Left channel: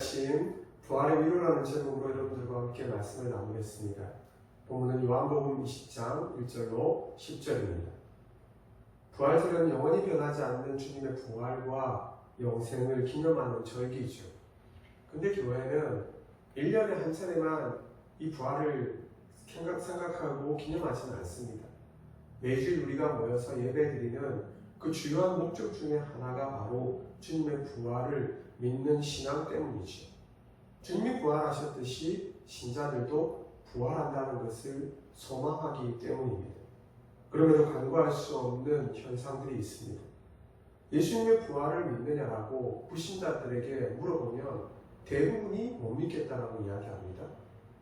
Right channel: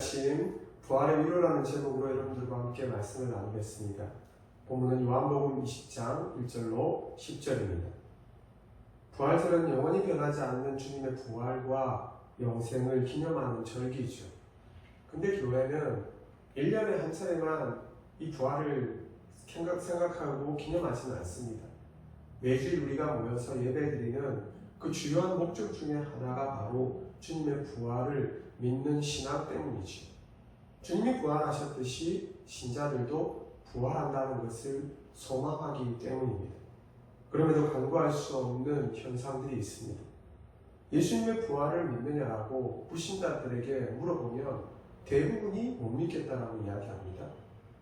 아침 부활의 위로라는 제목으로 여러분들과 함께 말씀을 나누겠습니다. 본문은 요한복음 20장 1절로 10절입니다. 부활절은 영원히 변하지 않는 주님의 부활과 영생을 기념하는 절기죠. 근데 교회는 1년에 한 차례만 이 부활을 생각하고 기념하지는 않습니다. 매주일 우리가 모여서 예배드리는 그 주요한 목적 중에 하나가 바로 주님의 부활을 믿는 신앙 때문이죠. 주님이 부활하셨듯이 신자들도 부활한다는 것을 소망하기 때문입니다. 그럼에도 간과할 수 없는 현상들이 있습니다. 예수님의 부활을 믿느냐라고 불신자들에게 물어보면 대부분이 못 믿겠다라고 이야기합니다.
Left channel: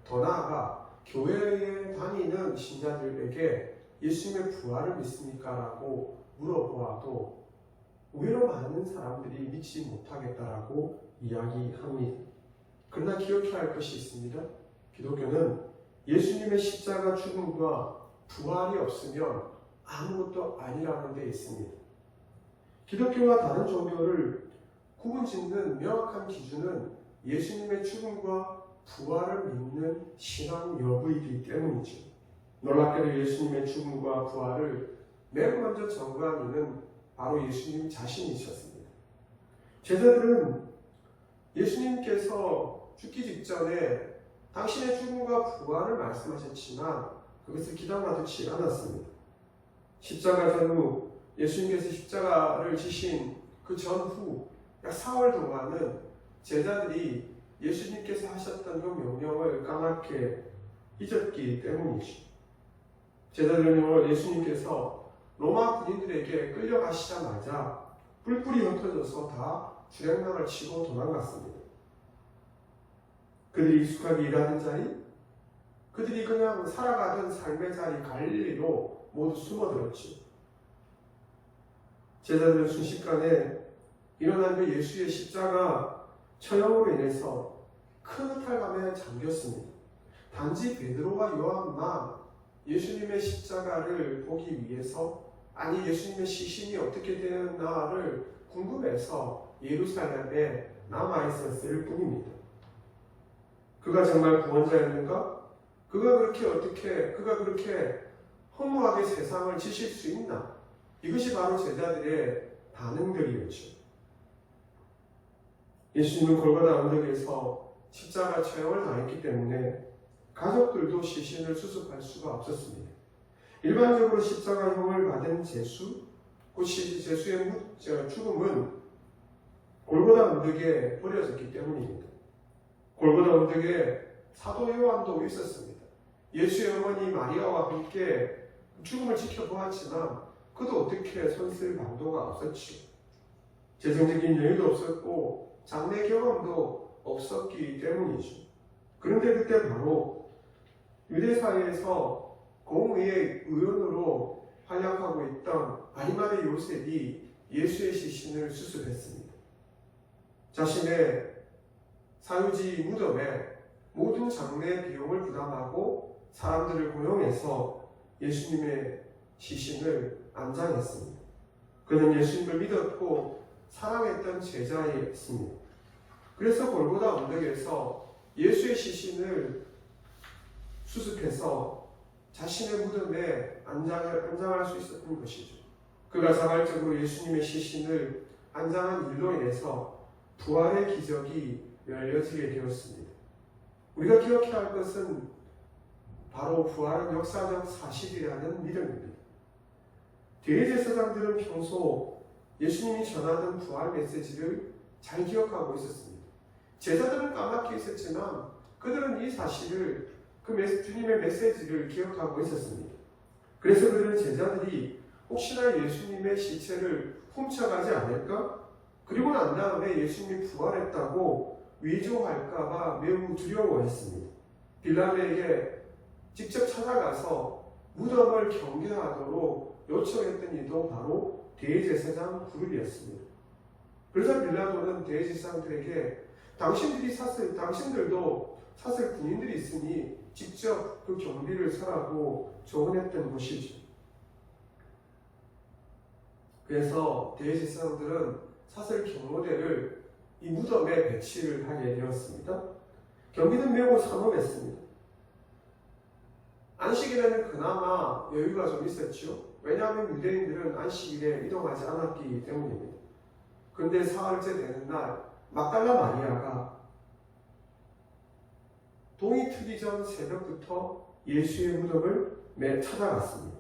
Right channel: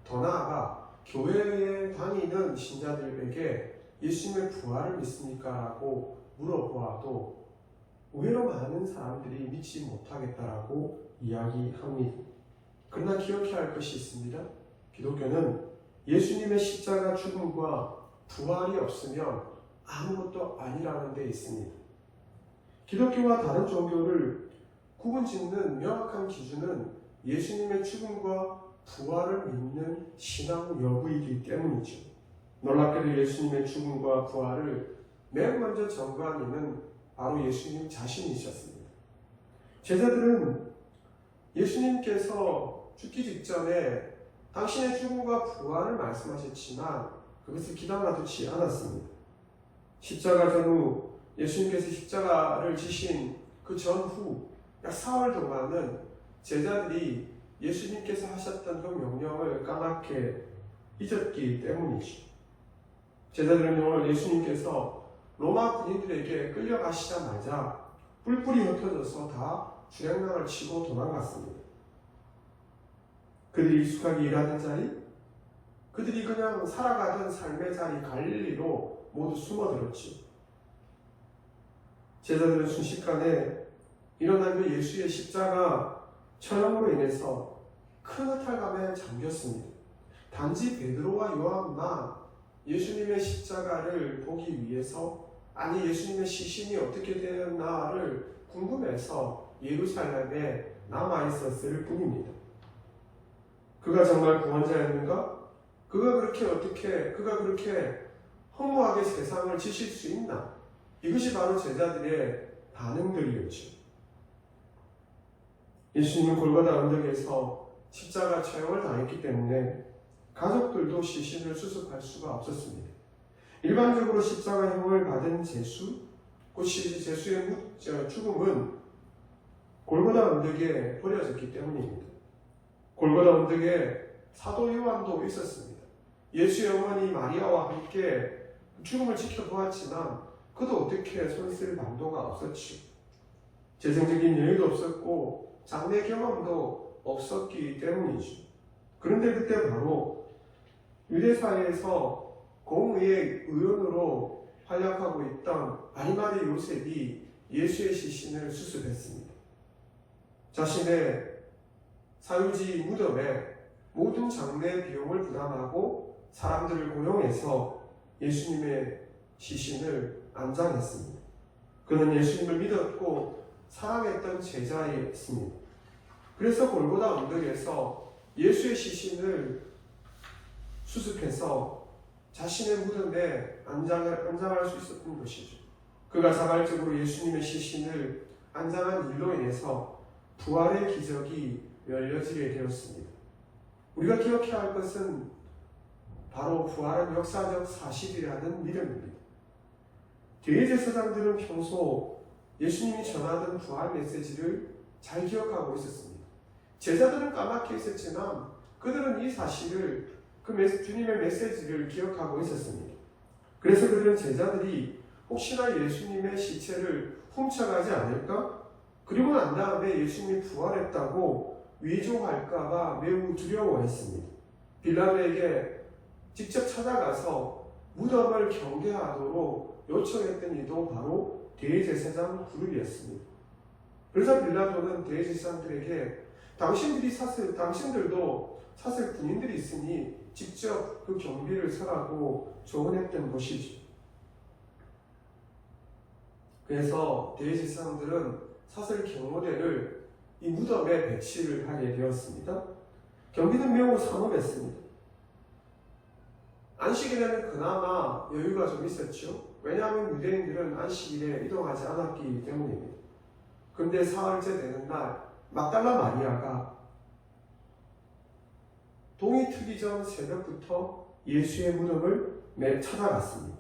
더 나아가 교회에 다니는 신자들에게 예수님의 부활을 믿습니까? 라고 물어보아도 의외로 많은 사람들이 믿지 못하겠다라고 이야기합니다. 그러나 기억해야 할 것이 있습니다. 기독교는 예수님의 십자가 죽음과 부활이 없으면 아무것도 아니라는 데 있습니다. 기독교와 다른 종교를 구분짓는 명확한 기준은 예수님의 죽음과 부활을 믿는 신앙 여부이기 때문이죠. 놀랍게도 예수님의 죽음과 부활을 맨 먼저 전가한 이는 바로 예수님 자신이셨습니다. 제자들은 예수님께서 죽기 직전에 당신의 죽음과 부활을 말씀하셨지만 그것을 귀담아듣지 않았습니다. 십자가 전후 예수님께서 십자가를 지신 그 전후 약 4월 동안은 제자들이 예수님께서 하셨던 그 명령을 까맣게 잊었기 때문이죠. 제자들은 예수님께서 로마 군인들에게 끌려가시자마자 뿔뿔이 흩어져서 다 주랭랑을 치고 도망갔습니다. 그들이 익숙하게 일하던 자리, 그들이 그냥 살아가던 삶의 자리 갈릴리로 모두 숨어들었죠. 제자들은 순식간에 일어난 그 예수의 십자가 처형으로 인해서 큰 허탈감에 잠겼습니다. 단지 베드로와 요한만 예수님의 십자가를 보기 위해서, 아니 예수님의 시신이 어떻게 되었나를 궁금해서 예루살렘에 남아있었을 뿐입니다. 그가 정말 구원자였는가? 그가 그렇게 허무하게 세상을 지실 수 있나? 이것이 바로 제자들의 반응들이었죠. 예수님은 골고다 언덕에서 십자가 처형을 당했기 때문에 가족들도 시신을 수습할 수가 없었습니다. 일반적으로 십자가형을 받은 제수, 그 제수의 죽음은 골고다 언덕에 버려졌기 때문입니다. 골고다 언덕에 사도 요한도 있었습니다. 예수의 어머니 마리아와 함께 죽음을 지켜보았지만 그도 어떻게 손쓸 방도가 없었지요. 재정적인 여유도 없었고 장래 경험도 없었기 때문이죠. 그런데 그때 바로 유대사회에서 공의의 의원으로 활약하고 있던 아리마대 요셉이 예수의 시신을 수습했습니다. 자신의 사유지 무덤에 모든 장례 비용을 부담하고 사람들을 고용해서 예수님의 시신을 안장했습니다. 그는 예수님을 믿었고 사랑했던 제자였습니다. 그래서 골고다 언덕에서 예수의 시신을 수습해서 자신의 무덤에 안장할 수 있었던 것이죠. 그가 자발적으로 예수님의 시신을 안장한 일로 인해서 부활의 기적이 열려지게 되었습니다. 우리가 기억해야 할 것은 바로 부활은 역사적 사실이라는 믿음입니다. 대제사장들은 평소 예수님이 전하던 부활 메시지를 잘 기억하고 있었습니다. 제자들은 까맣게 있었지만 그들은 이 사실을, 주님의 메시지를 기억하고 있었습니다. 그래서 그들은 제자들이 혹시나 예수님의 시체를 훔쳐가지 않을까? 그리고 난 다음에 예수님이 부활했다고 위조할까봐 매우 두려워했습니다. 빌라도에게 직접 찾아가서 무덤을 경계하도록 요청했던 이도 바로 대제사장 그룹이었습니다. 그래서 빌라도는 대제사장들에게 당신들도 사실 군인들이 있으니 직접 그 경비를 서라고 조언했던 것이죠. 그래서 대제사장들은 사슬 경호대를 이 무덤에 배치를 하게 되었습니다. 경비는 매우 삼엄했습니다. 안식일에는 그나마 여유가 좀 있었죠. 왜냐하면 유대인들은 안식일에 이동하지 않았기 때문입니다. 그런데 사흘째 되는 날 막달라 마리아가 동이 트기 전 새벽부터 예수의 무덤을 찾아갔습니다.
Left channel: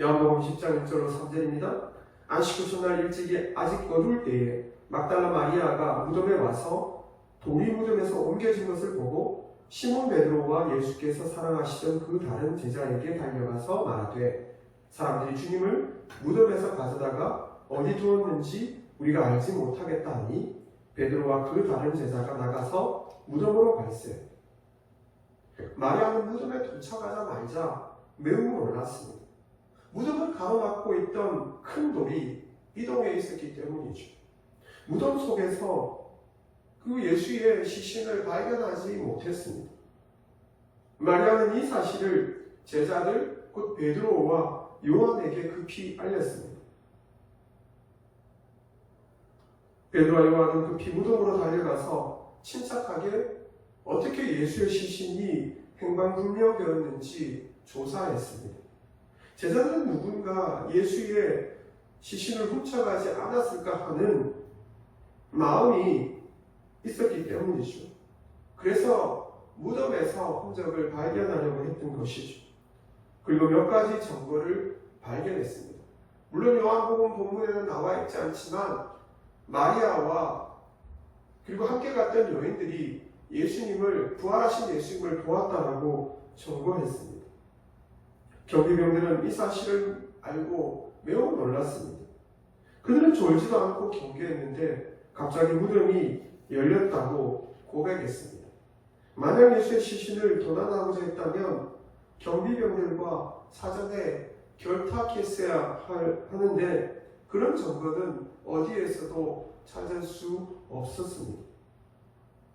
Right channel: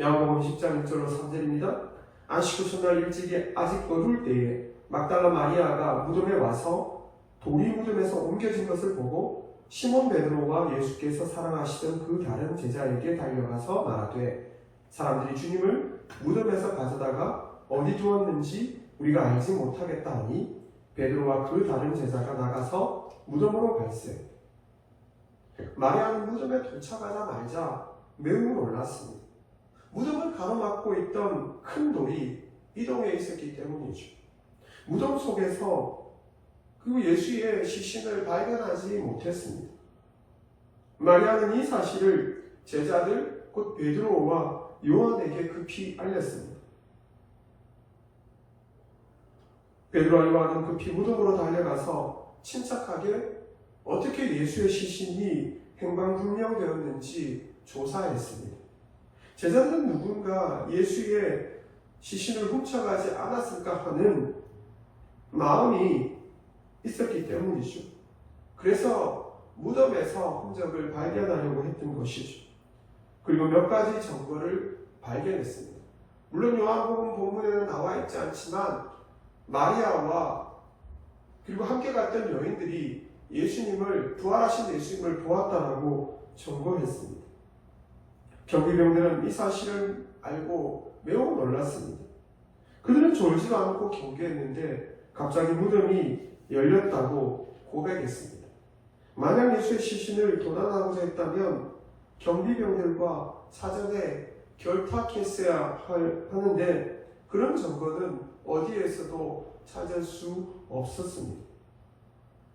요한복음 10장 1절로 3절입니다. 안식 후 첫날 일찍이 아직 어두울 때에 막달라 마리아가 무덤에 와서 돌이 무덤에서 옮겨진 것을 보고 시몬 베드로와 예수께서 사랑하시던 그 다른 제자에게 달려가서 말하되 사람들이 주님을 무덤에서 가져다가 어디 두었는지 우리가 알지 못하겠다 하니 베드로와 그 다른 제자가 나가서 무덤으로 갈세. 마리아는 무덤에 도착하자마자 매우 놀랐습니다. 무덤을 가로막고 있던 큰 돌이 이동해 있었기 때문이죠. 무덤 속에서 그 예수의 시신을 발견하지 못했습니다. 마리아는 이 사실을 제자들 곧 베드로와 요한에게 급히 알렸습니다. 베드로와 요한은 급히 무덤으로 달려가서 침착하게 어떻게 예수의 시신이 행방불명되었는지 조사했습니다. 제자들은 누군가 예수의 시신을 훔쳐가지 않았을까 하는 마음이 있었기 때문이죠. 그래서 무덤에서 흔적을 발견하려고 했던 것이죠. 그리고 몇 가지 증거를 발견했습니다. 물론 요한복음 본문에는 나와 있지 않지만 마리아와 그리고 함께 갔던 여인들이 부활하신 예수님을 보았다라고 증거했습니다. 경비병들은 이 사실을 알고 매우 놀랐습니다. 그들은 졸지도 않고 경계했는데 갑자기 무덤이 열렸다고 고백했습니다. 만약 예수의 시신을 도난하고자 했다면 경비병들과 사전에 결탁했어야 하는데 그런 증거는 어디에서도 찾을 수 없었습니다.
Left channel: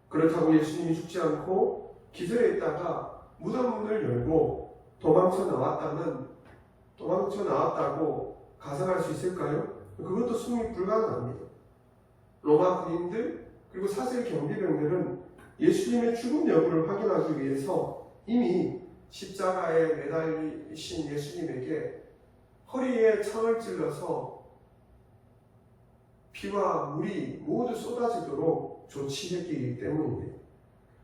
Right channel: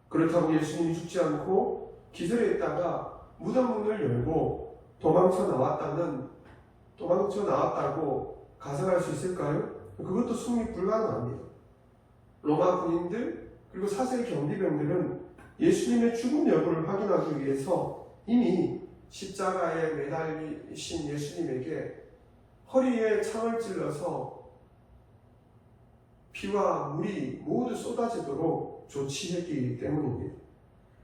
그렇다고 예수님이 죽지 않고 기절했다가 무덤 문을 열고 도망쳐 나왔다고 가정할 수 있을까요? 그것도 승리 불가능합니다. 로마 군인들 그리고 사슬 경비병들은 예수님의 죽음 여부를 확인하기 위해서 이미 십자가에 매달리신 예수님에게 허리에 창을 찔러서 피와 물이 모두 쏟아지도록 조치했기 때문입니다.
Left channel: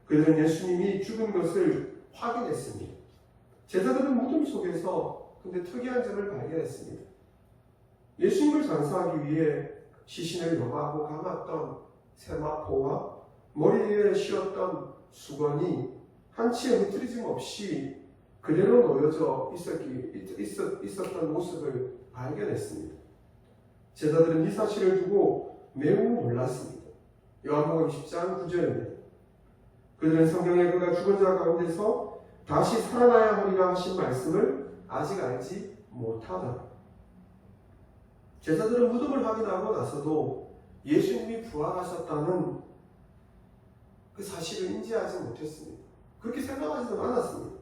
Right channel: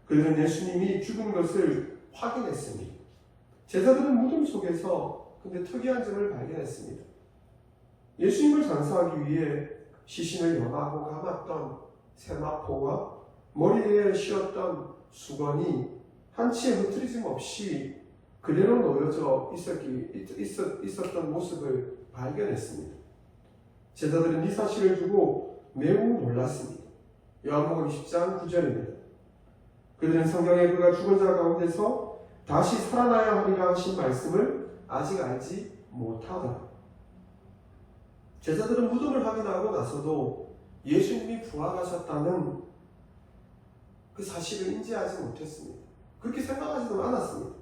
그들은 예수님이 죽은 것을 확인했습니다. 제자들은 무덤 속에서 근데 특이한 점을 발견했습니다. 예수님을 장사하기 위해 시신을 염하고 감았던 세마포와 머리에 씌웠던 수건이 한치의 흐트리짐 없이 그대로 놓여져 있었던 모습을 발견했습니다. 제자들은 이 사실을 두고 매우 놀랐습니다. 요한복음 10장 9절입니다. 그들은 성경에 그가 죽은 자 가운데서 다시 살아나야 하리라 하신 말씀을 아직 알지 못하더라. 제자들은 무덤을 확인하고 나서도 예수님이 부활하셨다는 그 사실을 인지하지 못했습니다. 그렇게 생각하지도 않았습니다.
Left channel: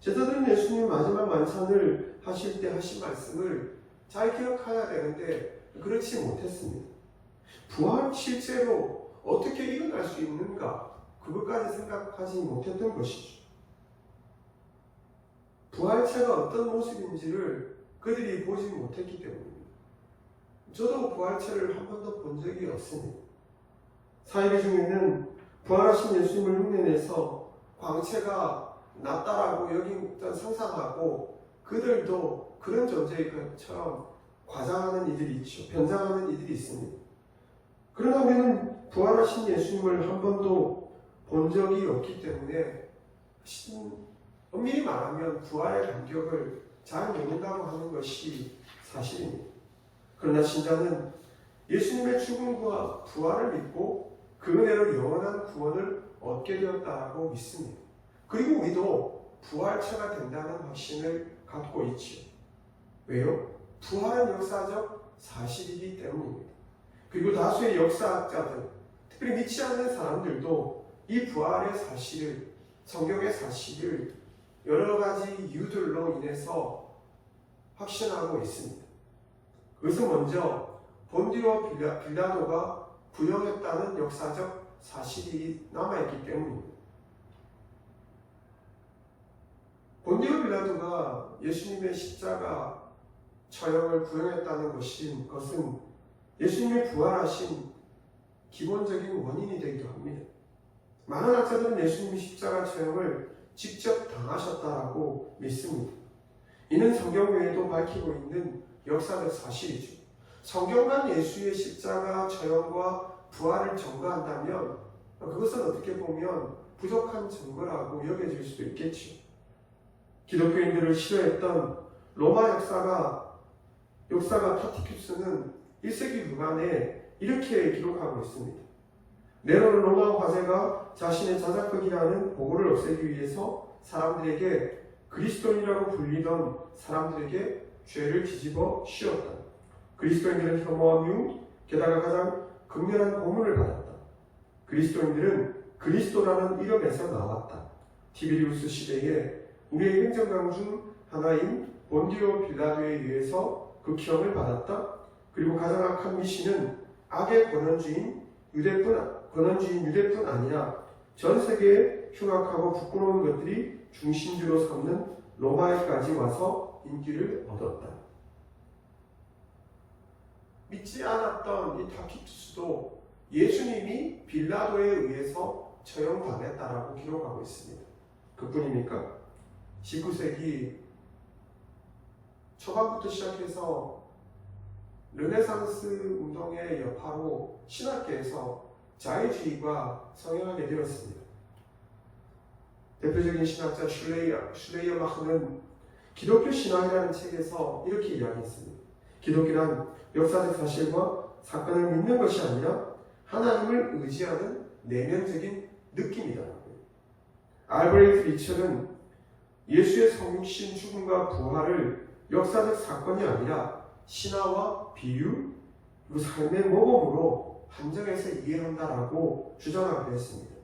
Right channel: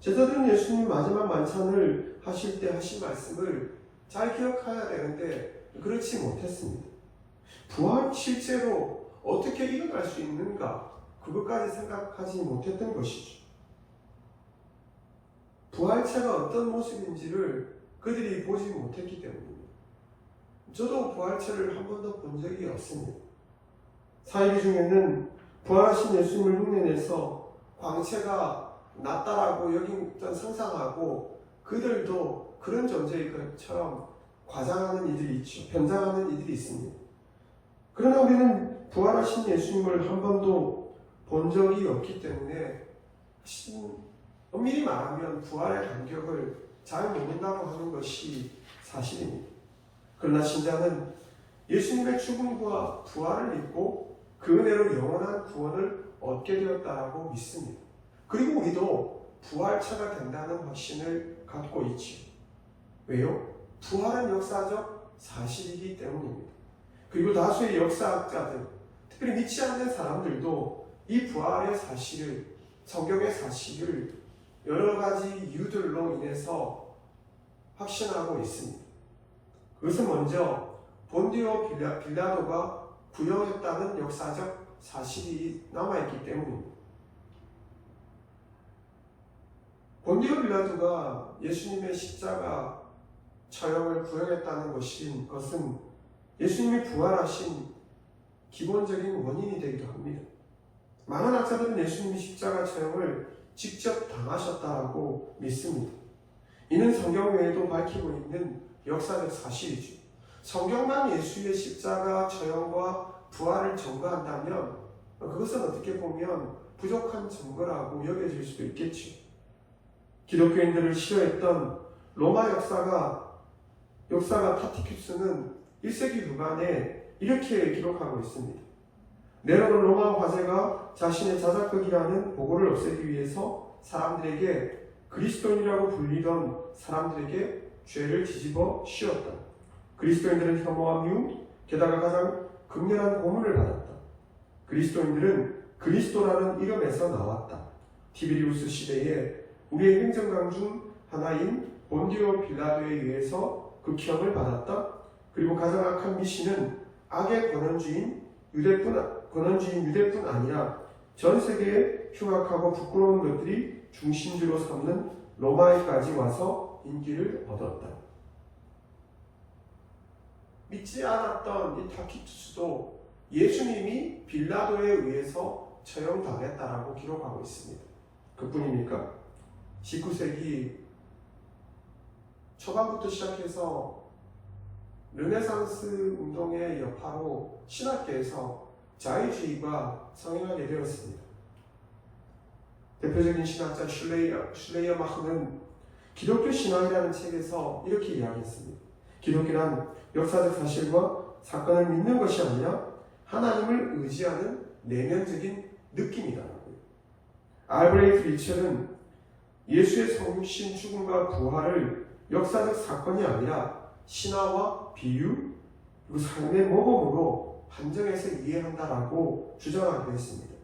제자들은 예수님 마지막 만찬을 하실 때 하신 말씀을 잘 기억해야 되는데 그렇지 못했습니다. 부활이 실제로 어떻게 일어날 수 있는가 그것까지 생각하지 못했던 것이죠. 부활체가 어떤 모습인지를 그들이 보지 못했기 때문입니다. 저도 부활체를 한 번도 본 적이 없습니다. 사이비 중에는 부활하신 예수님을 흉내내서 광채가 낫다라고 여기던 상상하고 그들도 그런 존재인 것처럼 과장하는 이들이 있죠. 변장하는 이들이 있습니다. 그러나 우리는 부활하신 예수님을 한 번도 본 적이 없기 때문에 엄밀히 말하면 부활의 간격을 잘 모른다고 하는 것이 사실입니다. 그러나 신자는 예수님의 죽음과 부활을 믿고 그 은혜로 영원한 구원을 얻게 되었다고 믿습니다. 그리고 우리도 부활체가 된다는 확신을 갖고 있지요. 왜요? 부활은 역사적 사실이기 때문입니다. 그리고 다수의 역사학자들, 특별히 믿지 않는 사람들도 이 부활의 사실을, 성경의 사실을 여러 가지 이유들로 인해서 확신하고 있습니다. 그것은 먼저 본디오 빌라도가 구형했다는 역사적 사실이 남아있기 때문입니다. 본디오 빌라도가 예수님의 십자가 처형을 구형했다는 것은 예수님이 부활하신 기본적인 원인이 되기도 합니다. 많은 학자들은 예수님이 십자가 처형을 직접 당하셨다고 믿습니다. 이는 성경 외에도 밝히고 있는 역사적 사실이죠. 성경만 예수의 십자가 처형과 부활을 증거한다면 그것은 어떻게 보면 부족한 증거라고 여겨질 수도 있겠죠. 기독교인들을 싫어했던 로마 역사가 타티큐스는 1세기 후반에 이렇게 기록하고 있습니다. 네로는 로마 화제가 자신의 자작극이라는 보고를 없애기 위해서 그리스도인이라고 불리던 사람들에게 죄를 뒤집어 씌웠다. 그리스도인들은 혐오와 미움, 게다가 가장 극렬한 고문을 받았다. 그리스도인들은 그리스도라는 이름에서 나왔다. 티베리우스 시대에 우리의 행정관 중 하나인 본디오 빌라도에 의해서 극형을 받았다. 그리고 가장 악한 미신은 악의 권원주인 유대뿐 아니라 전 세계에 흉악하고 부끄러운 것들이 중심지로 삼는 로마에까지 와서 인기를 얻었다. 믿지 않았던 이 타키투스도 예수님이 빌라도에 의해서 처형당했다라고 기록하고 있습니다. 그뿐입니까? 19세기 초반부터 시작해서 르네상스 운동의 여파로 신학계에서 자유주의가 성행하게 되었습니다. 대표적인 신학자 슐레이어마흐는 기독교 신학이라는 책에서 이렇게 이야기했습니다. 기독교란 역사적 사실과 사건을 믿는 것이 아니라 하나님을 의지하는 내면적인 느낌이다. 알브레이트 리첼은 예수의 성육신, 죽음과 부활을 역사적 사건이 아니라 신화와 비유, 그리고 삶의 모범으로 한정해서 이해한다라고 주장하기도 했습니다.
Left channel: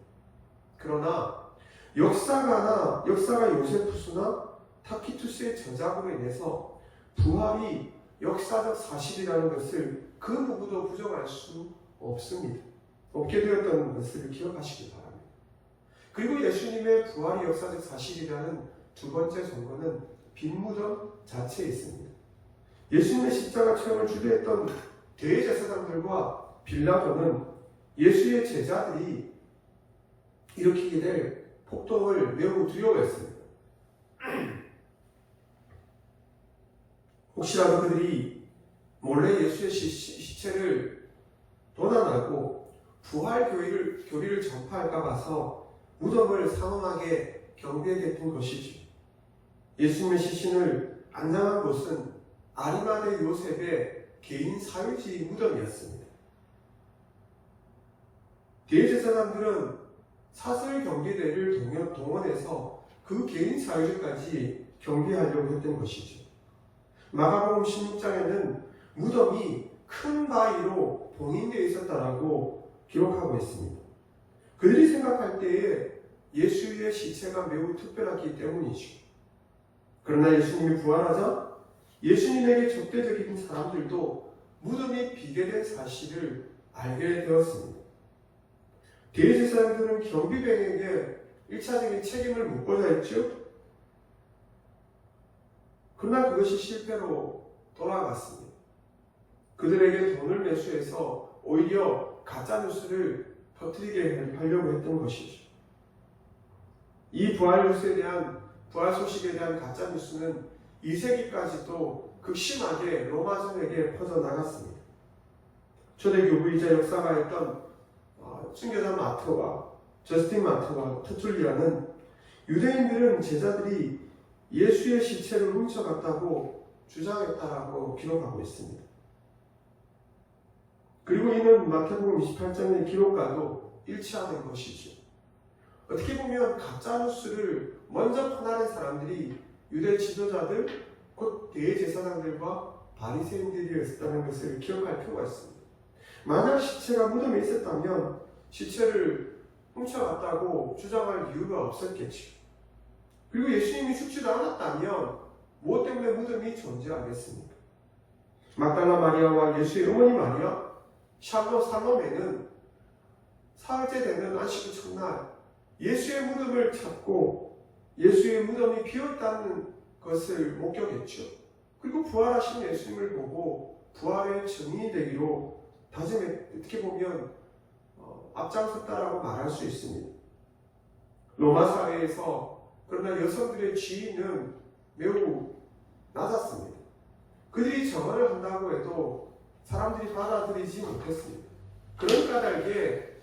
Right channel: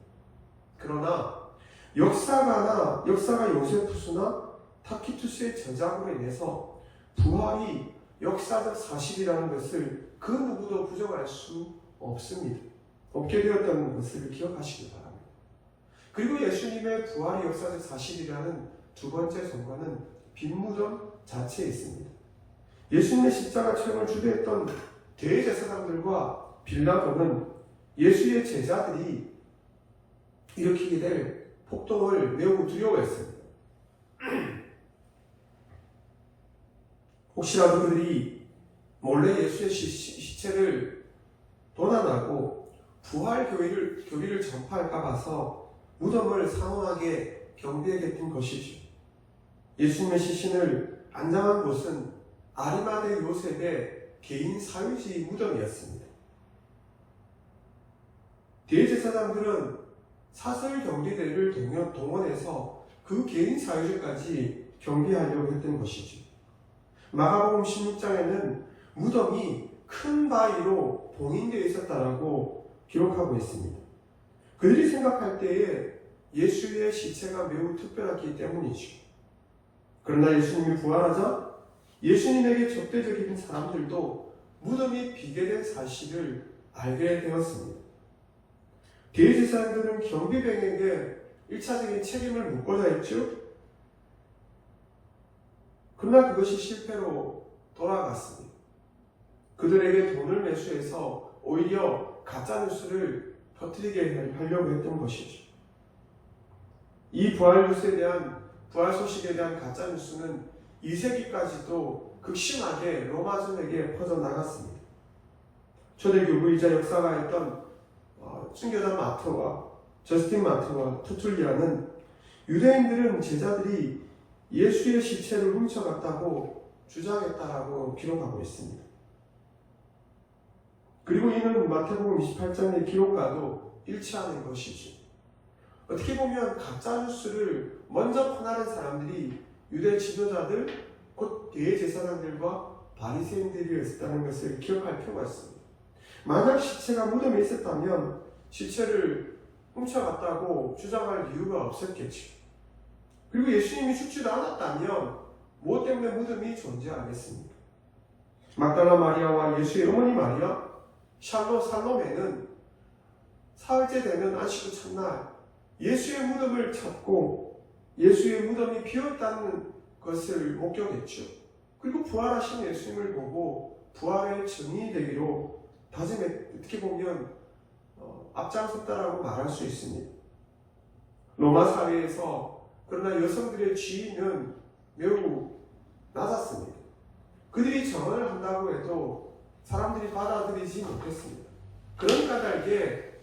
그러나 역사가 요세푸스나 타키투스의 저작으로 인해서 부활이 역사적 사실이라는 것을 그 누구도 부정할 수 없습니다. 없게 되었다는 것을 기억하시기 바랍니다. 그리고 예수님의 부활이 역사적 사실이라는 두 번째 증거는 빈무덤 자체에 있습니다. 예수님의 십자가 처형을 주도했던 대제사장들과 빌라도는 예수의 제자들이 일으키게 될 폭동을 매우 두려워했습니다. 혹시라도 그들이 몰래 예수의 시체를 도난하고 부활 교리를 전파할까 봐서 무덤을 상엄하게 경비하겠던 것이죠. 예수님의 시신을 안장한 곳은 아리마대 요셉의 개인 사유지 무덤이었습니다. 대제사장들은 사설 경비대를 동원해서 그 개인 사유지까지 경비하려고 했던 것이죠. 마가복음 16장에는 무덤이 큰 바위로 봉인되어 있었다라고 기록하고 있습니다. 그들이 생각할 때에 예수의 시체가 매우 특별하기 때문이죠. 그러나 예수님이 부활하자 예수님에게 적대적인 사람들도 무덤이 비게 된 사실을 알게 되었습니다. 대제사장들은 경비병에게 1차적인 책임을 묻고자 했죠. 그러나 그것이 실패로 돌아갔습니다. 그들에게 돈을 매수해서 오히려 가짜뉴스를 퍼뜨리게 하려고 했던 것이죠. 이 부활 소식에 대한 가짜뉴스는 2세기까지도 극심하게 로마전에게 퍼져나갔습니다. 초대교부이자 역사가했던 순교자 마트와 저스틴 마트와 터툴리아는 유대인들은 제자들이 예수의 시체를 훔쳐갔다고 주장했다라고 기록하고 있습니다. 그리고 이는 마태복음 28장의 기록과도 일치하는 것이죠. 어떻게 보면 가짜뉴스를 먼저 퍼나른 사람들이 유대 지도자들, 곧 대제사장들과 바리새인들이었다는 것을 기억할 필요가 있습니다. 만약 시체가 무덤에 있었다면 시체를 훔쳐갔다고 주장할 이유가 없었겠죠. 그리고 예수님이 죽지도 않았다면 무엇 때문에 무덤이 존재하겠습니까? 막달라 마리아와 예수의 어머니 마리아, 살롬에는 사흘째 되는 안식 후 첫날 예수의 무덤을 찾고 예수의 무덤이 비어있다는 것을 목격했죠. 그리고 부활하신 예수님을 보고 부활의 증인이 되기로 어떻게 보면 앞장섰다라고 말할 수 있습니다. 로마 사회에서 그러나 여성들의 지위는 매우 낮았습니다. 그들이 정언을 한다고 해도 사람들이 받아들이지 못했습니다. 그런 까닭에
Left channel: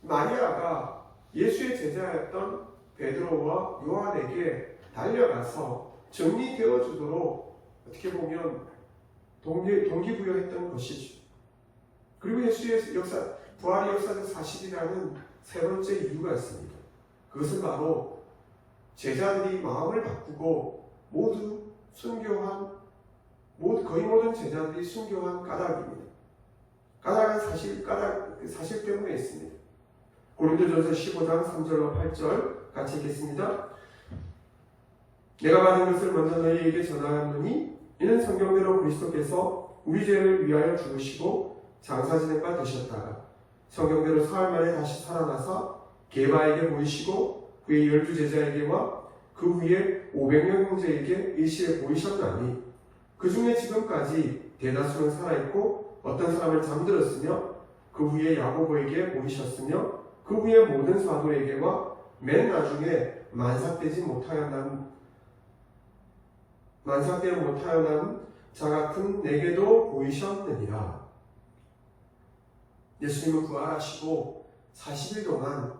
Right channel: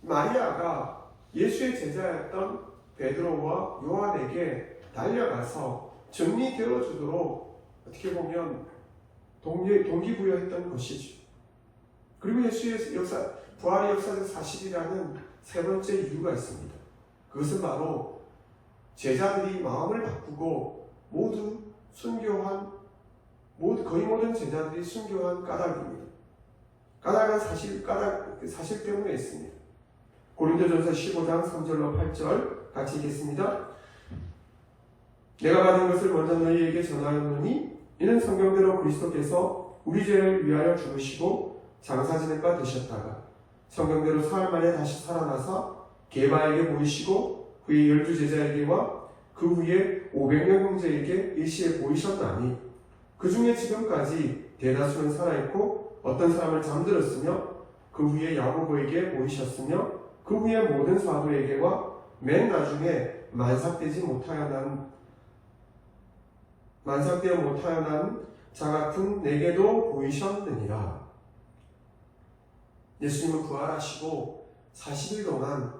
마리아가 예수의 제자였던 베드로와 요한에게 달려가서 정리되어 주도록 어떻게 보면 동기부여했던 것이죠. 그리고 예수의 부활의 역사적 사실이라는 세 번째 이유가 있습니다. 그것은 바로 제자들이 마음을 바꾸고 거의 모든 제자들이 순교한 까닭입니다. 까닭은 사실 때문에 있습니다. 고린도전서 15장 3절로 8절 같이 읽겠습니다. 내가 받은 것을 먼저 너희에게 전하노니 이는 성경대로 그리스도께서 우리 죄를 위하여 죽으시고 장사 지낸 바 되셨다가 성경대로 사흘 만에 다시 살아나사 게바에게 보이시고 후에 12제자에게와 그 후에 500명 형제에게 일시에 보이셨나니 그 중에 지금까지 대다수는 살아있고 어떤 사람은 잠들었으며 그 후에 야고보에게 보이셨으며 그 후에 모든 사도에게와 맨 나중에 만삭되어 못하여 난 자 같은 내게도 보이셨느니라. 예수님은 부활하시고 40일 동안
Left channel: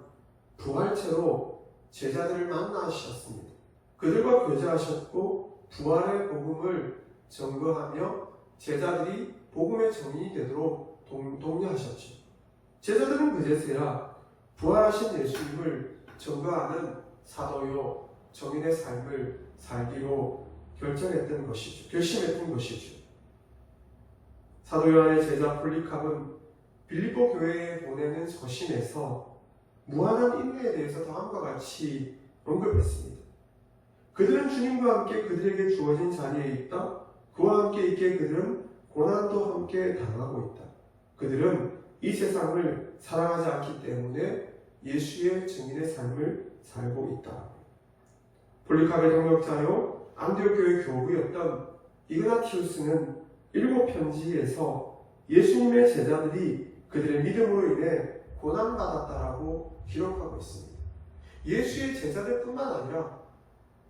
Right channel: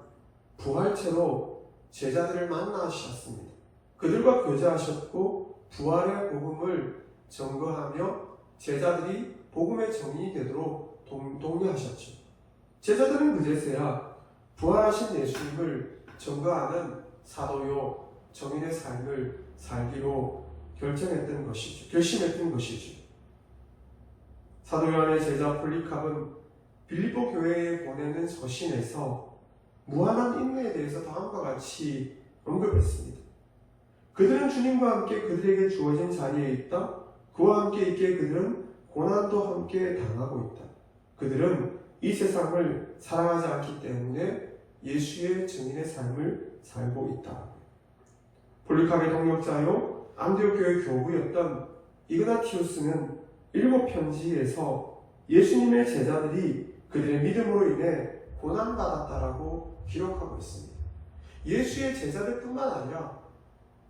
부활체로 제자들을 만나셨습니다. 그들과 교제하셨고 부활의 복음을 증거하며 제자들이 복음의 정인이 되도록 독려하셨죠. 제자들은 그제서야 부활하신 예수님을 증거하는 사도요 정인의 삶을 살기로 결심했던 것이죠. 사도 요한의 제자 폴리캅은 빌립보 교회에 보내는 서신에서 무한한 인내에 대해서 다음과 같이 언급했습니다. 그들은 주님과 함께 그들에게 주어진 자리에 있다. 그와 함께 있기에 그들은 고난도 함께 당하고 있다. 그들은 이 세상을 사랑하지 않기 때문에 예수의 증인의 삶을 살고 있다. 폴리캅의 동역자요 안디옥 교회 교부였던 이그나티우스는 7편지에서 예수님의 제자들이 그들의 믿음으로 인해 고난받았다라고 기록하고 있습니다. 예수의 제자들뿐만 아니라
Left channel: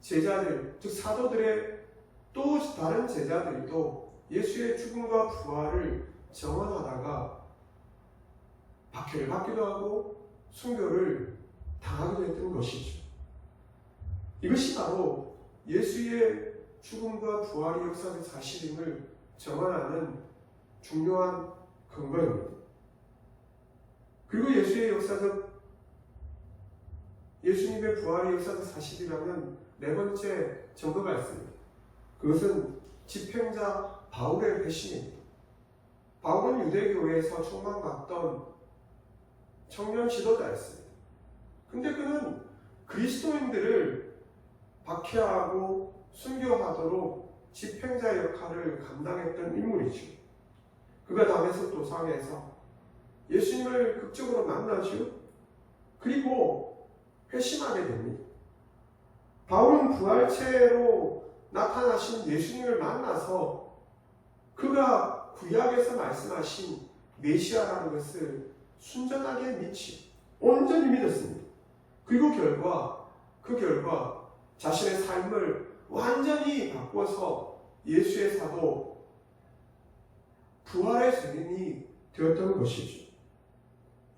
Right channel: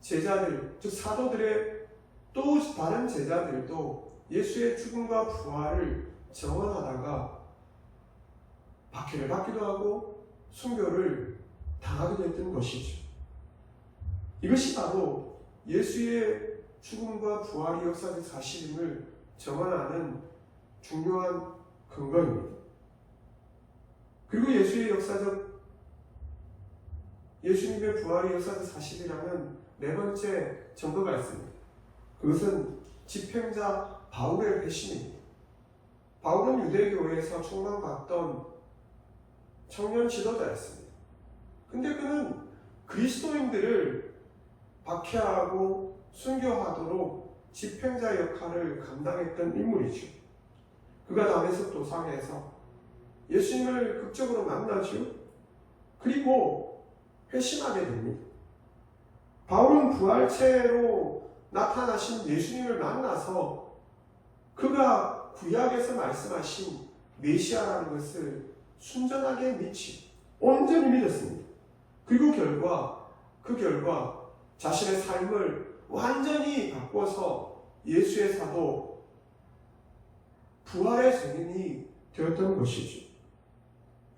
제자들, 즉 사도들의 또 다른 제자들도 예수의 죽음과 부활을 증언하다가 박해를 받기도 하고 순교를 당하기도 했던 것이죠. 이것이 바로 예수의 죽음과 부활이 역사적 사실임을 증언하는 중요한 근거입니다. 그리고 예수님의 부활이 역사적 사실이라는 네 번째 증거가 있습니다. 그것은 집행자 바울의 회심입니다. 바울은 유대교회에서 총망받던 청년 지도자였습니다. 근데 그는 그리스도인들을 박해하고 순교하도록 집행자 역할을 감당했던 인물이죠. 그가 다메섹 도상에서 예수님을 극적으로 만나죠. 그리고 회심하게 됩니다. 바울은 부활체로 나타나신 예수님을 만나서 그가 구약에서 말씀하신 메시아라는 것을 순전하게 믿지 온전히 믿었습니다. 그리고 그 결과 자신의 삶을 완전히 바꿔서 예수의 사도 부활의 증인이 되었던 것이죠.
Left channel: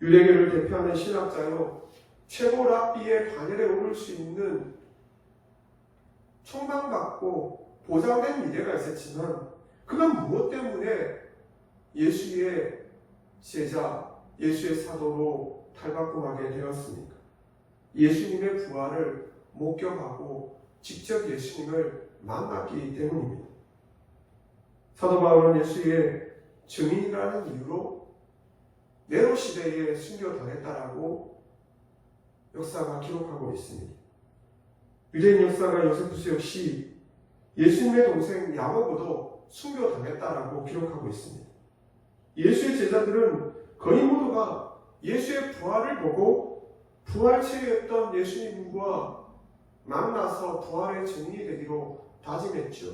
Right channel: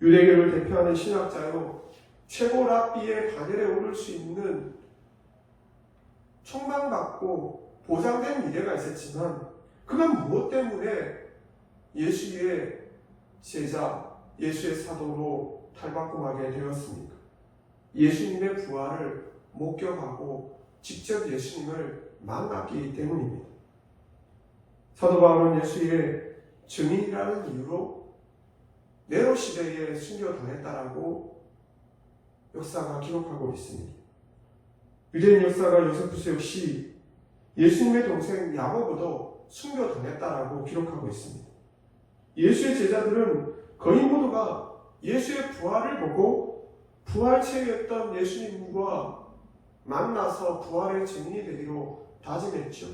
유대교를 대표하는 신학자요 최고 랍비의 반열에 오를 수 있는 총망받고 보장된 미래가 있었지만 그가 무엇 때문에 예수의 제자, 예수의 사도로 탈바꿈하게 되었습니까? 예수님의 부활을 목격하고 직접 예수님을 만났기 때문입니다. 사도 바울은 예수의 증인이라는 이유로 네로 시대에 순교당했다라고 역사가 기록하고 있습니다. 유대인 역사가 요세푸스 역시 예수님의 동생 야고보도 순교당했다라고 기록하고 있습니다. 예수의 제자들은 거의 모두가 예수의 부활을 보고 부활체였던 예수님과 만나서 부활의 증인이 되기로 다짐했죠.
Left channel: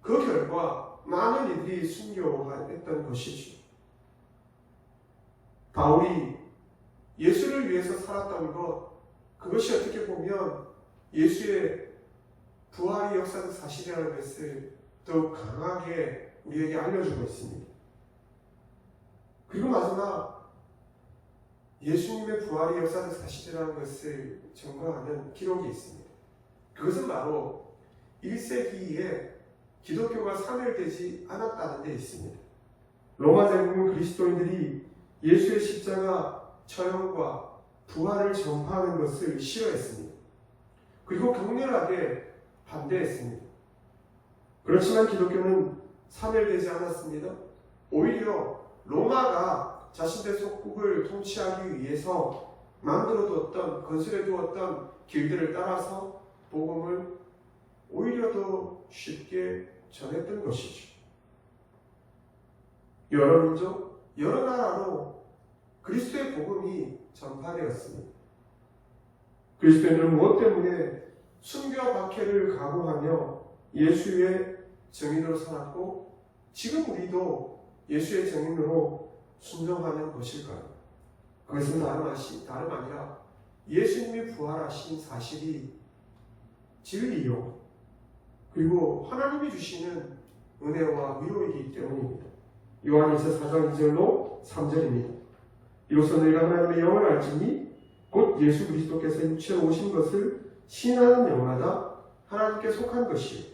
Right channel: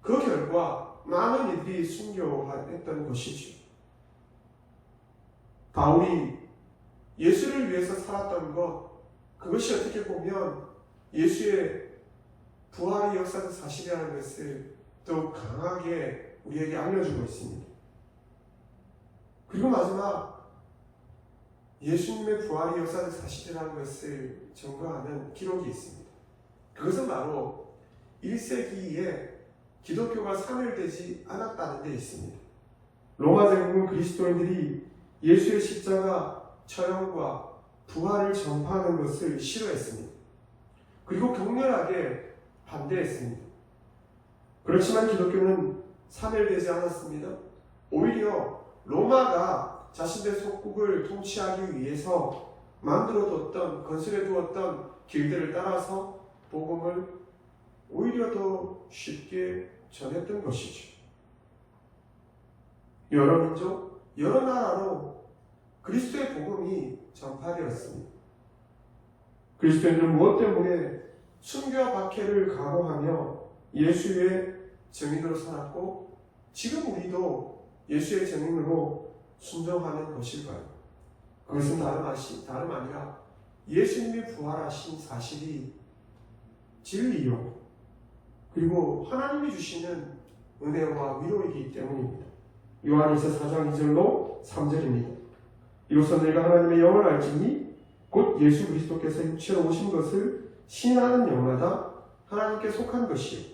그 결과 많은 이들이 순교했던 것이죠. 바울이 예수를 위해서 살았던 것, 그것이 어떻게 보면 예수의 부활이 역사적 사실이라는 것을 더욱 강하게 우리에게 알려주고 있습니다. 그리고 마지막, 예수님의 부활이 역사적 사실이라는 것을 증거하는 기록이 있습니다. 그것은 바로 1세기에 기독교가 사멸되지 않았다는 데 있습니다. 로마 제국은 그리스도인들이 예수의 십자가 처형과 부활을 전파하는 것을 싫어했습니다. 그리고 격렬하게 반대했습니다. 그렇지만 기독교는 사멸되지 않았습니다. 오히려 로마가 자신의 속국을 통치하기 위해서 만들어두었던, 건설해두었던 길들을 따라서 복음을 오히려 더 쉽게 전했던 것이죠. 여러 민족, 여러 나라로 그리스도의 복음이 전파되었습니다. 그리스도인들은 무엇 때문에 순교와 박해를 각오하며 예수의 증인으로 살았고 지금 우리도 예수의 증인으로 순종하는 것일까요? 그것은 다름 아니라 예수님이 부활하신 사실이 진리요, 그리고 하나님이 주시는 은혜와 위로이기 때문입니다. 요한일서 4장 2절로 3절입니다. 이로써 너희가 하나님의 영을 알지니 곧 예수 그리스도께서 육체로 오신 것을 시인하는 영마다 하나님께 속한 것이요,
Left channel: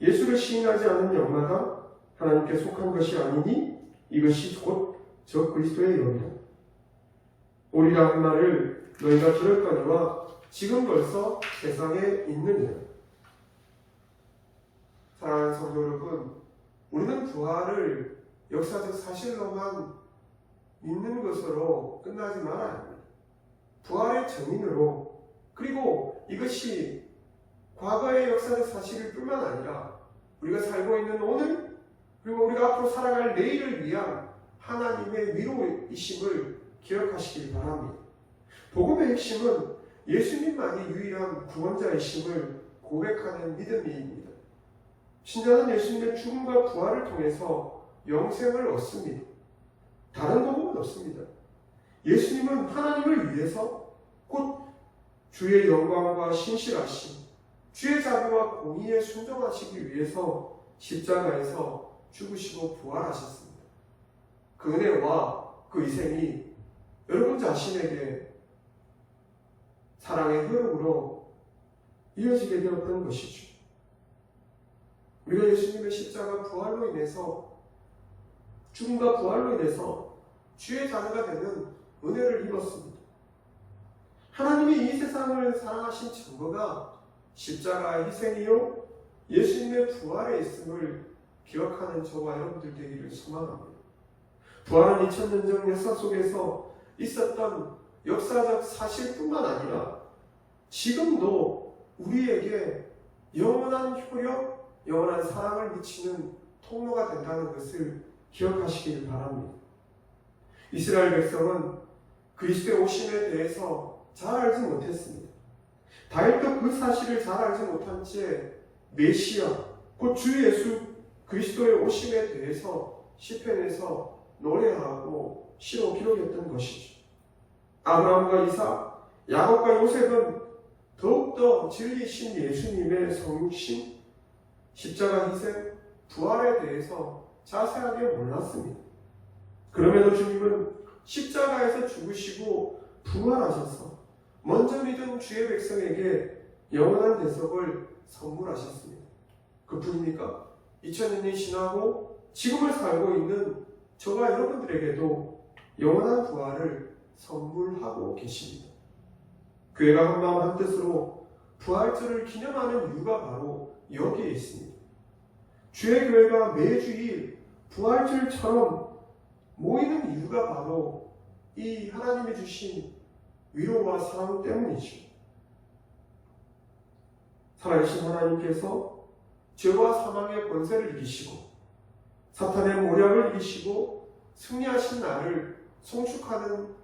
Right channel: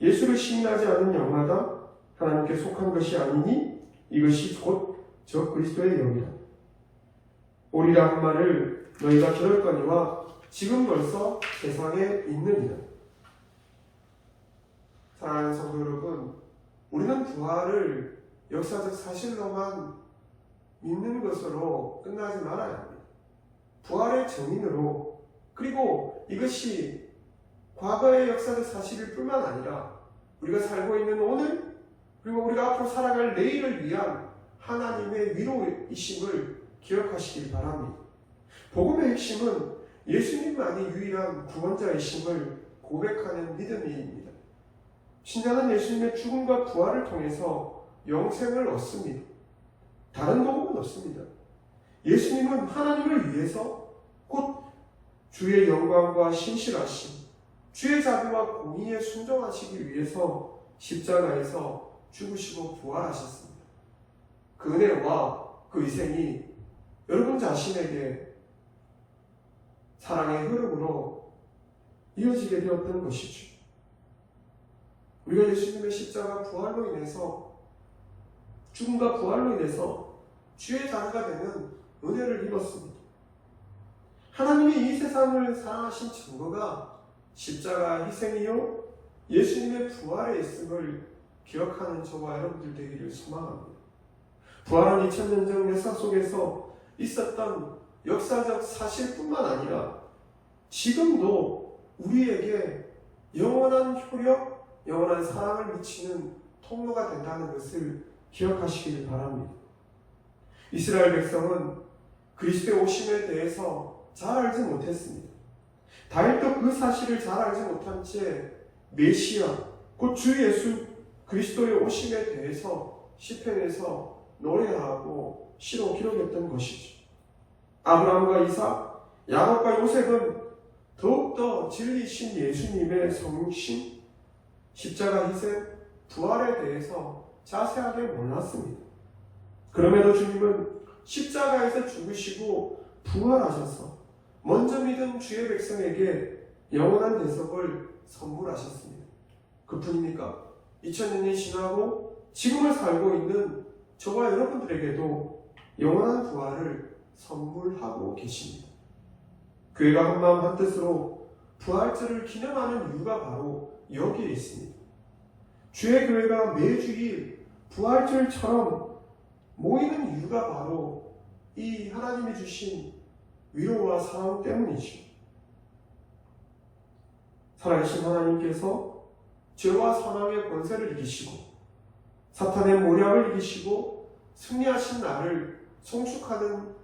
예수를 시인하지 않는 영마다 하나님께 속한 것이 아니니 이것이 곧 저 그리스도의 영이라. 오리라 한 말을 너희가 들을 거니와 지금 벌써 세상에 있느니라. 사랑하는 성도 여러분, 우리는 부활을 역사적 사실로만 믿는 것으로 끝나지 말아야 합니다. 부활의 증인으로, 그리고 이것이 과거의 역사적 사실일 뿐만 아니라 우리가 살고 있는 오늘, 그리고 우리가 앞으로 살아갈 내일을 위한 하나님의 위로이심을 기억하시길 바랍니다. 복음의 핵심은 예수님만이 유일한 구원자이심을 고백하는 믿음입니다. 신자는 예수님의 죽음과 부활을 통해서 영생을 얻습니다. 다른 복음은 없습니다. 예수님은 하나님을 위해서 곧 주의 영광과 신실하심, 주의 자비와 공의에 순종하시기 위해서 십자가에서 죽으시고 부활하셨습니다. 그 은혜와 그 희생이 여러분 자신에게 사랑의 흐름으로 이어지게 되었던 것이죠. 우리가 예수님의 십자가 부활로 인해서, 죽음과 부활로 인해서 주의 자녀가 되는 은혜를 입었습니다. 하나님이 이 세상을 사랑하신 증거가 십자가 희생이요 예수님의 부활에 있음을 기억하는 저와 여러분들 되기를 소망합니다. 부활은 2000년 전 역사 속에서 있었던 역사적 사실뿐만 아니라 지금도 우리에게 영원한 효력, 영원한 사랑을 미치는 통로가 된다는 것을 기억하시길 바랍니다. 이스라엘 백성은 그리스도의 오심에 대해서 잘 알지 못했습니다. 다윗도 그 사실을 잘 알지 못한 채 메시아, 곧 주 예수 그리스도의 오심에 대해서 시편에서 노래하고 시로 기록했던 것이죠. 아브라함과 이삭, 야곱과 요셉은 더욱더 진리신 예수님의 성육신, 십자가 희생, 부활에 대해서 자세하게 몰랐습니다. 그럼에도 주님은 십자가에서 죽으시고 부활하셔서 먼저 믿은 주의 백성에게 영원한 대속을 선물하셨습니다. 그뿐입니까? 2000년이 지나고 지금을 살고 있는 저와 여러분들에게도 영원한 부활을 선물하고 계십니다. 교회가 한마음 한뜻으로 부활절을 기념하는 이유가 바로 여기에 있습니다. 주의 교회가 매주일 부활절처럼 모이는 이유가 바로 이 하나님이 주신 위로와 사랑 때문이죠. 살아계신 하나님께서 죄와 사망의 권세를 이기시고 사탄의 모략을 이기시고 승리하신 날을 송축하는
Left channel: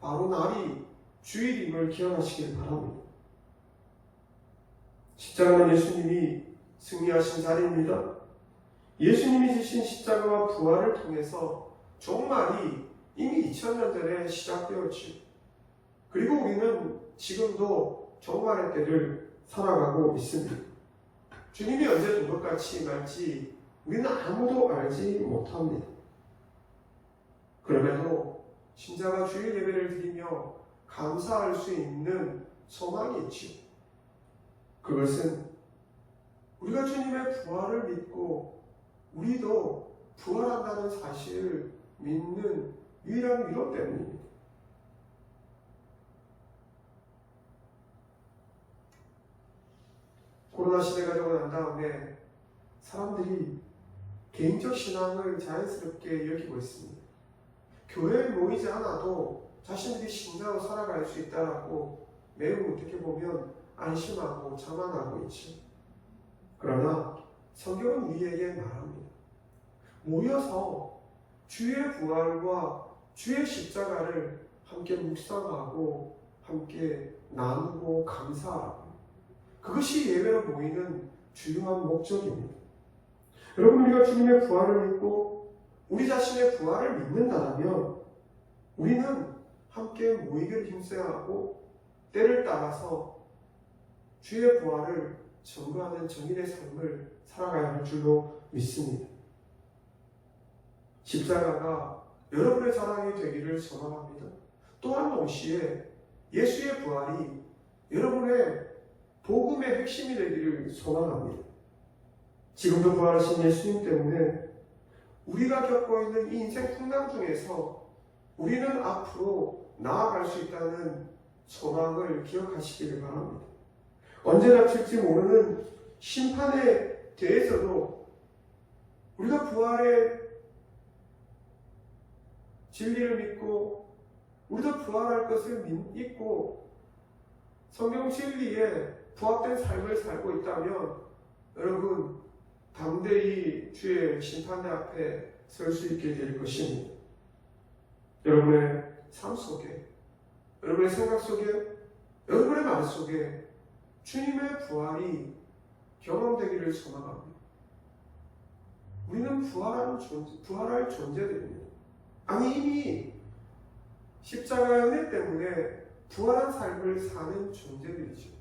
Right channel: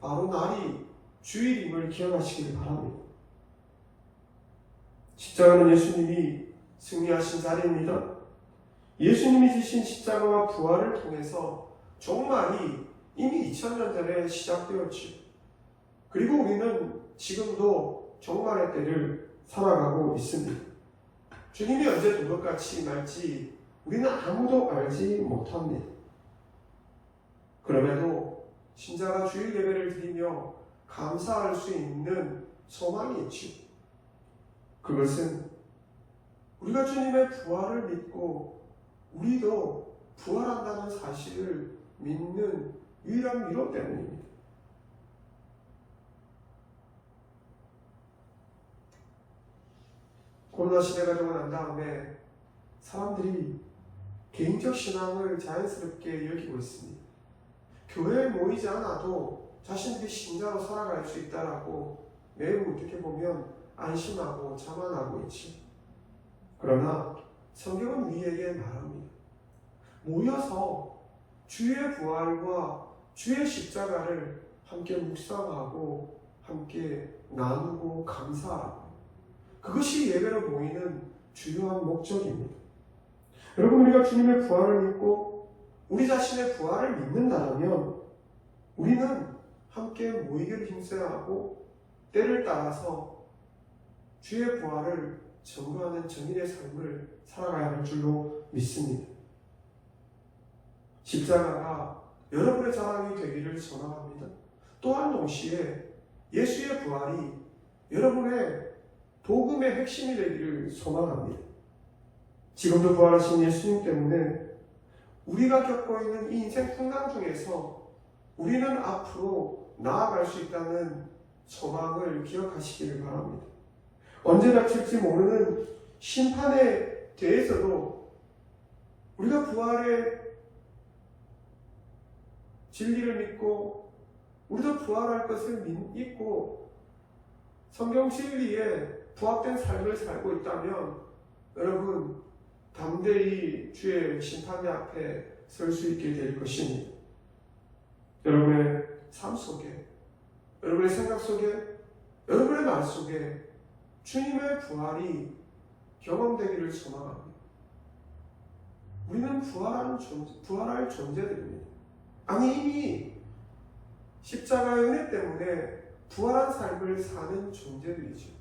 바로 날이 주일임을 기억하시길 바랍니다. 십자가는 예수님이 승리하신 자리입니다. 예수님이 지신 십자가와 부활을 통해서 종말이 이미 2000년 전에 시작되었지요. 그리고 우리는 지금도 종말의 때를 살아가고 있습니다. 주님이 언제 도둑같이 말지 우리는 아무도 알지 못합니다. 그럼에도 신자가 주일 예배를 드리며 감사할 수 있는 소망이 있지요. 그것은 우리가 주님의 부활을 믿고 우리도 부활한다는 사실을 믿는 유일한 위로 때문입니다. 코로나 시대가 되고 난 다음에 사람들이 개인적 신앙을 자연스럽게 여기고 있습니다. 교회에 모이지 않아도 자신들이 신자로 살아갈 수 있다라고 매우 어떻게 보면 안심하고 자만하고 있죠. 그러나 성경은 우리에게 말합니다. 모여서 주의 부활과 주의 십자가를 함께 묵상하고 함께 나누고 감사하고 그것이 예배로 모이는 주요한 목적입니다. 여러분, 우리가 주님의 부활을 믿고 우리 자신의 부활을 믿는다면 우리는 함께 모이기를 힘써야 하고 때를 따라서 주의 부활을 증거하는 정인의 삶을 살아가야 할 줄로 믿습니다. 십자가가 여러분의 자랑이 되기를 소망합니다. 또한 동시에 예수의 부활이 여러분의 복음의 핵심이 되기를 소망합니다. 지금도 부활하신 예수님 때문에 우리가 겪고 있는 이 인생 풍랑 중에서 우리는 앞으로 나아갈 수 있다는 소망을 기억하시기를 바랍니다. 언제 닥칠지 모르는 심판에 대해서도 우리가 부활의 진리를 믿고 우리도 부활할 것을 믿고 성경 진리에 부합된 삶을 살고 있다면 여러분 담대히 주의 심판대 앞에 설 수 있게 될 것입니다. 여러분의 삶 속에, 여러분의 생각 속에, 여러분의 말 속에 주님의 부활이 경험되기를 소망합니다. 우리는 부활할 존재들입니다. 아니 이미 십자가의 은혜 때문에 부활한 삶을 사는 존재들이죠.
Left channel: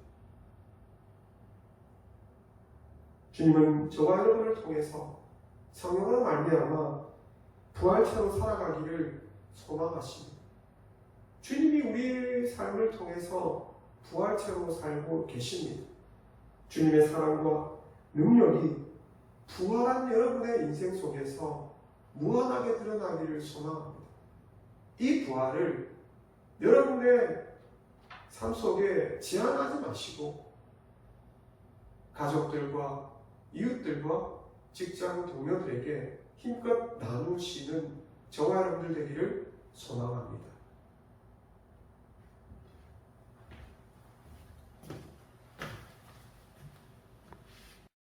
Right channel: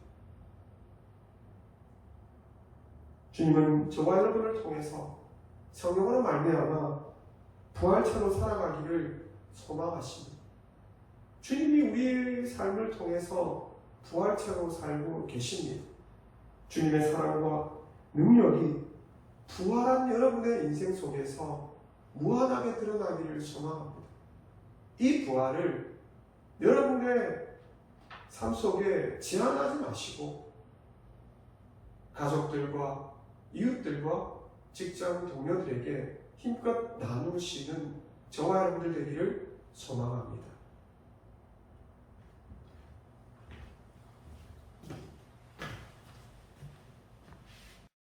주님은 저와 여러분을 통해서 성령으로 말미암아 부활체로 살아가기를 소망하십니다. 주님이 우리의 삶을 통해서 부활체로 살고 계십니다. 주님의 사랑과 능력이 부활한 여러분의 인생 속에서 무한하게 드러나기를 소망합니다. 이 부활을 여러분의 삶 속에 제한하지 마시고 가족들과 이웃들과 직장 동료들에게 힘껏 나누시는 저와 여러분들 되기를 소망합니다.